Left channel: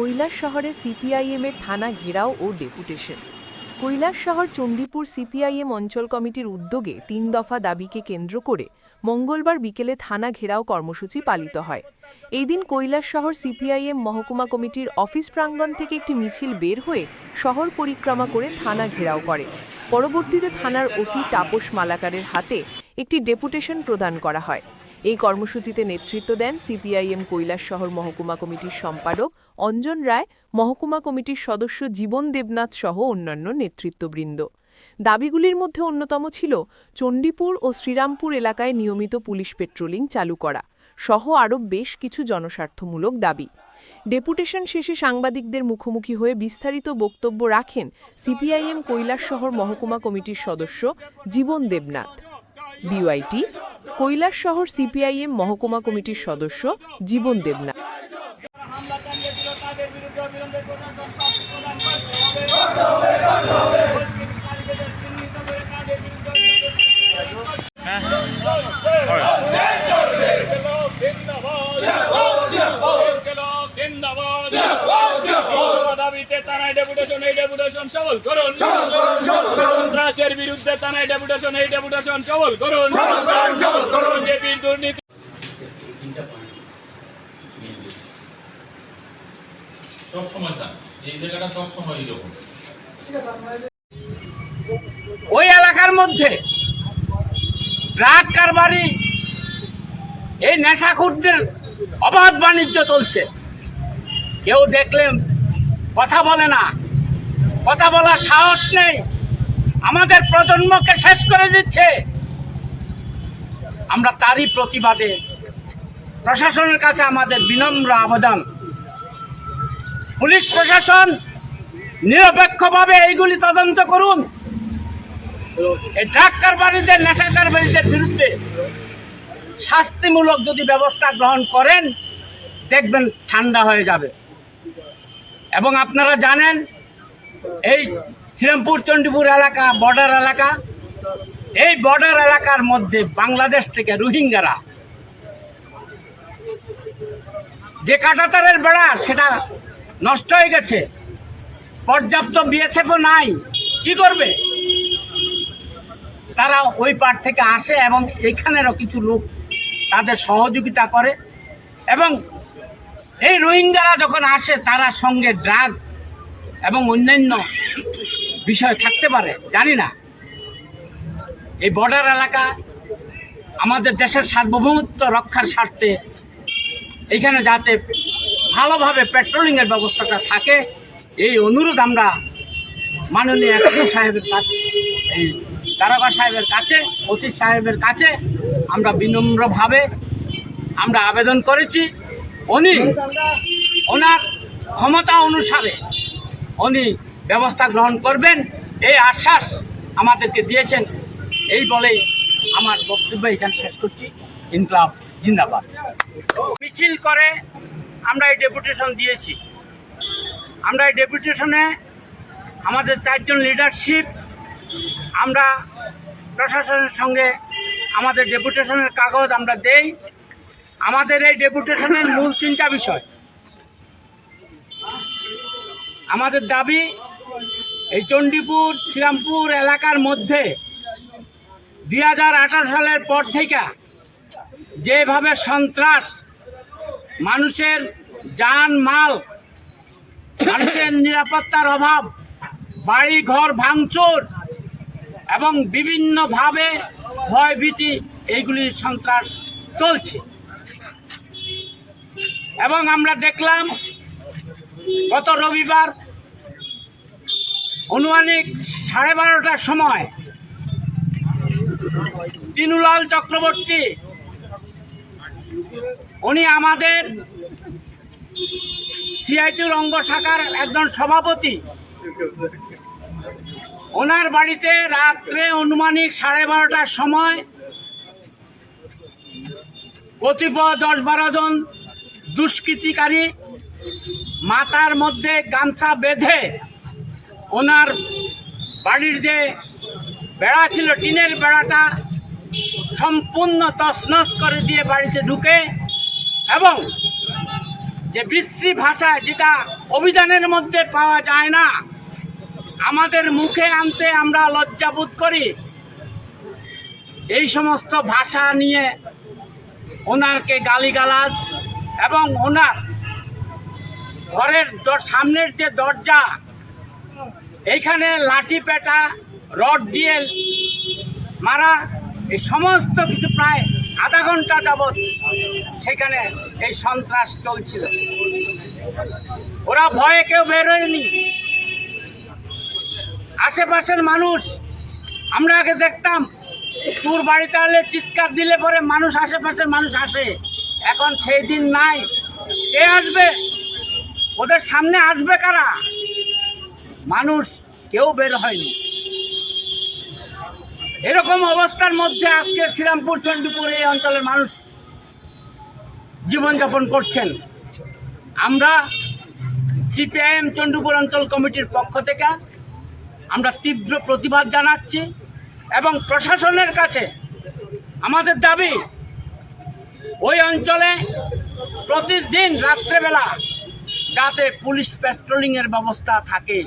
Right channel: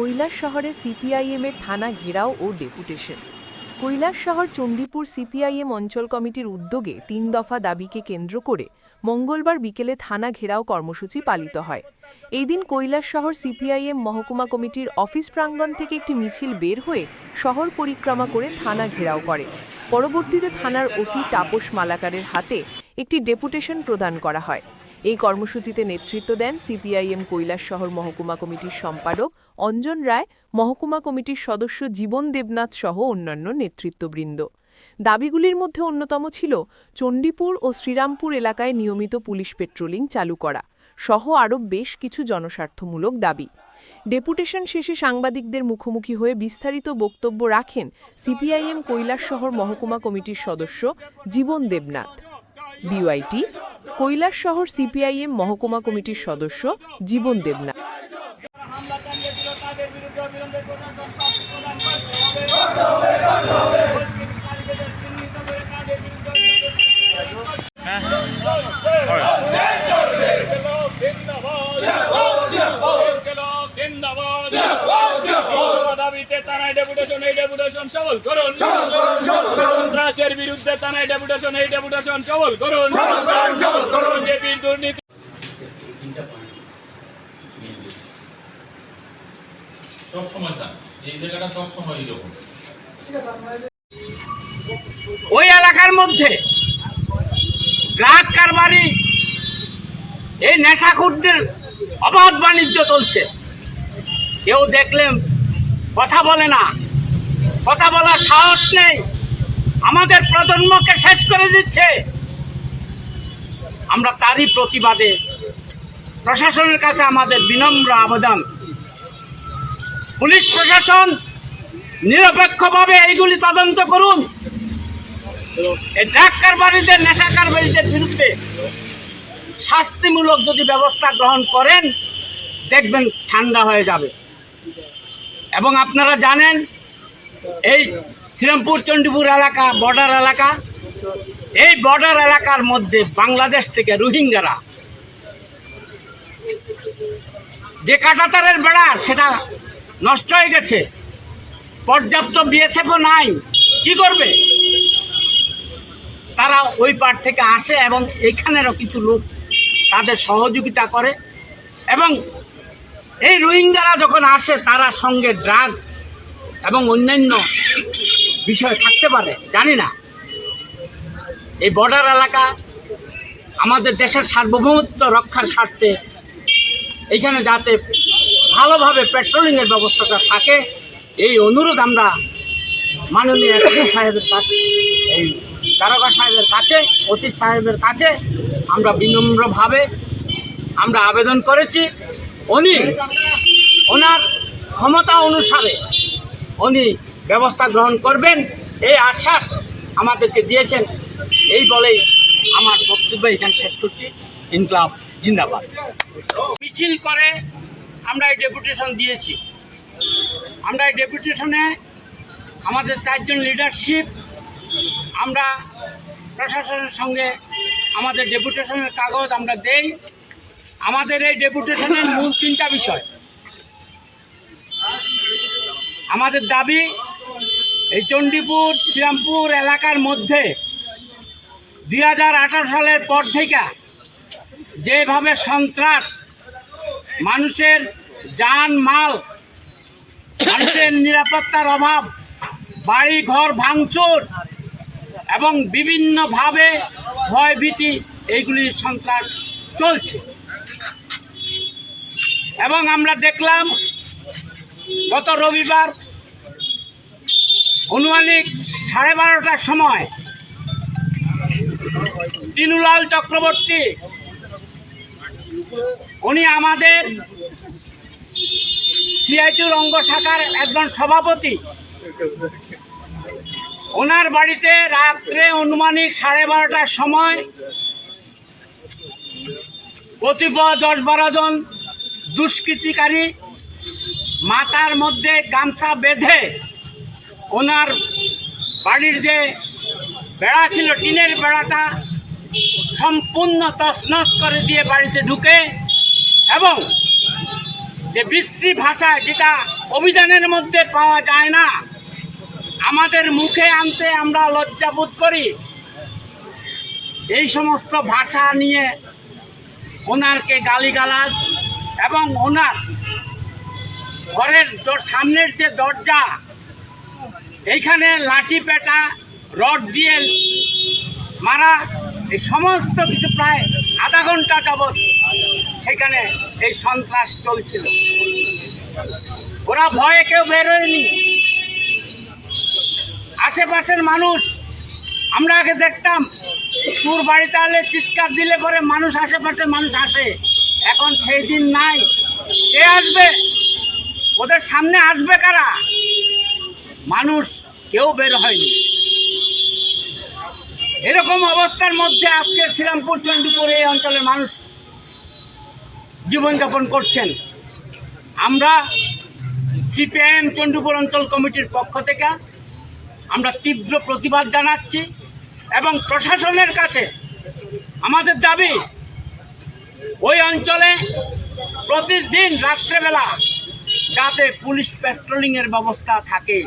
কৈলাস শহরে সিপিআইএমের থানা ঘেরাও ও ডেপুটেশন। কৈলাস শহর চণ্ডীপুর সিপিআইএম অঞ্চল কমিটির উদ্যোগে তিন দফা দাবিকে কেন্দ্র করে মঙ্গলবার বিকেলে থানা ঘেরাও কর্মসূচি পালিত হয়। এই দিন কৈলাস শহর সিপিআইএম মহকুমা কমিটির অফিস প্রাঙ্গণ থেকে একটি মিছিল বের হয়ে শহর পরিক্রমা করে থানা ঘেরাও করে। পরবর্তীতে থানার ওসি তাপস মালাকারের হাতে একটি ডেপুটেশন প্রদান করা হয়। এই কর্মসূচিতে নেতৃত্ব দেন সিপিআইএম কৈলাস শহর মহকুমা কমিটির সম্পাদক অঞ্জন রায়, মহকুমা কমিটির সদস্য জীবন দেবনাথ সহ অন্যান্য নেতৃত্ববৃন্দ। দাবিগুলির মধ্যে অন্যতম ছিল চণ্ডীপুর ও শ্রীরামপুর এলাকায় নিয়মিত পুলিশ পেট্রোলিং চালু করা, সহ আরও বেশ কিছু জনস্বার্থমূলক দাবি। ডেপুটেশন শেষে সাংবাদিকদের মুখোমুখি হয়ে বিস্তারিত বক্তব্য রাখেন সিপিআইএম কৈলাস শহর মহকুমা কমিটির সদস্য জীবন দেবনাথ। বিওআইটি কৈলাস শহর সিপিআইএম মহকুমা কমিটির সদস্য জীবন দেবনাথ। ডেপুটেশন এই ডেপুটেশন সবল করুন। সন্ত্রাসের বিরুদ্ধে ডেপুটেশন এই ডেপুটেশন সবল করুন। বিজেপির দুর্নীতি সব সময় স্যার এই জায়গাটা সব সময় এরকম ওই এলাকার মধ্যে ড্রাগ কারবারি এই নেশাখুরদের অবাধ বাণিজ্য চলছে। কেউ দেখলেন কথা বলে না। কথা বলার সাহস নেই। আমাদের প্রজন্মকে শেষ করে দিচ্ছে। আমরা তারই প্রতিবাদে প্রশাসনের কাছে আমাদের বিনম্র আবেদন। পুলিশ প্রশাসন নিরপেক্ষভাবে এইগুলি তদন্ত করুন। এই ড্রাগ কারবারিদের, নেশা কারবারিদের বিরুদ্ধে শাস্তিমূলক যদি ব্যবস্থা গ্রহণ করেন, দেখবেন ঠান্ডা হয়ে যাবে। এবং আপনারা জানেন এই শ্রীরামপুর, চণ্ডীপুর এলাকা বর্ডার এলাকা, এই বর্ডার এলাকার মধ্যে বাংলাদেশ থেকে রোহিঙ্গারা যে কাটাতারের বেড়া, সেটা নষ্ট হয়ে গেছে। পর্যাপ্ত বিএসএফও নাই। কি করবে? তারা ওই পার থেকে আসে এবং এখানেরও কিছু লোক তাদের সহযোগিতা করে এবং এই রোহিঙ্গারা যখন আসে, তারা সঙ্গে ড্রাগ এবং অন্যান্য বিষয় থাকতে পারে, জানি না। এই বর্ডার এলাকা আমাদের দেশের সার্বভৌমত্ব রক্ষার স্বার্থে এইখানে যাতে ভালোভাবে পেট্রোলিংয়ের ব্যবস্থাটা থাকে, এই অনুরোধ আমরা মাননীয় এসপি সাহেবের কাছে, এই দারোগা সাহেবের কাছে, ওসি সাহেবের কাছে আমরা বিনম্রভাবে আমরা আবেদন করেছি। উনি, ওনার ক্ষমতা অনুসারে উনি ব্যবস্থা গ্রহণ করবেন, এই আশ্বাস আমাদেরকে দিয়েছেন। এই বলেই আমার বক্তব্য এখানে শেষ করছি। ইনকলাব জিন্দাবাদ। মিছিল করে আমরা এই ডেপুটেশন দিয়েছি। আমরা এই ডেপুটেশনে আমাদের চারজন লিডারশিপ আমরা প্রশাসনের সঙ্গে আমাদের ডেপুটেশনের কাগজ আমরা দেই। আমাদের এই ডেপুটেশনের মূল তিনটা বিষয়। আমাদের দাবি এই চণ্ডীপুর, শ্রীরামপুর এলাকার মধ্যে দুই হাজার আঠারো সালের পর থেকে যেভাবে সন্ত্রাস, মানুষের যান মাল মানুষের নিরাপত্তার অভাব বাড়ি ঘর ভাঙচুর এবং বিভিন্নভাবে ভয়ভীতি, এইগুলি সন্ত্রাস চলছে। এবং আমরা দেখলাম, গত রবিবার অনুমানিক সাড়ে বারোটার সময় তিনুলাল চক্রবর্তী, উনি আমাদের সিআইটির অঙ্গ শাখার একজন সভাপতি। ওনার বাড়িতে রাত্রে অনুমানিক সাড়ে বারোটার সময় কতিপয় দশ বারো জন দুষ্কৃতিকারী মাথার মধ্যে গামছা বেঁধে ওনার বাড়ির যে বেড়া ছিল, টিনের বেড়াটা সম্পূর্ণ তছনছ করে দিয়ে বাড়িতে ঢুকে এবং যে বিশ্রী ভাষা যেটা অভিযানের মধ্যে পাওয়া যায় না, আমাদের মুখে আনতে আমরা লজ্জাবোধ করি। এই সমস্ত ভাষা নিয়ে ওনারকে গালিগালাজ এবং ওনার ঘরের সামনের যে দরজা এইখানে লাঠি পেটা, রড দিয়ে মারা, এই সমস্ত কিছু প্রায় আধা ঘণ্টা যাবৎ সেখানে এই সন্ত্রাস চলছিল। ওরা ভয়ে কেউ বেরোয়নি আশেপাশের মানুষ, আমরা আগে দেখতাম, তোর বাড়িতে আলে চিৎকার দিলে পরে মানুষ, আশেপাশের মানুষ আসে। এখন সেই দিন নাই। কে আসবে? ওদের সামনে আসবে কারা? মানুষ কেউ বের হয়নি। এরকম অবস্থার মধ্যে আজকে শ্রীরামপুর চণ্ডীপুর এই অঞ্চলের মানুষ জীবনযাপন করছেন। আমরা সিপিআইএম চণ্ডীপুর অঞ্চল কমিটির পক্ষ থেকে আমরা তীব্র প্রতিবাদ জানাচ্ছি এবং প্রশাসনের কাছে আমাদের দাবি, ওই অঞ্চলে প্রতিদিন রাত্রেবেলা যাতে পুলিশ পেট্রোলিংয়ের ব্যবস্থা থাকে।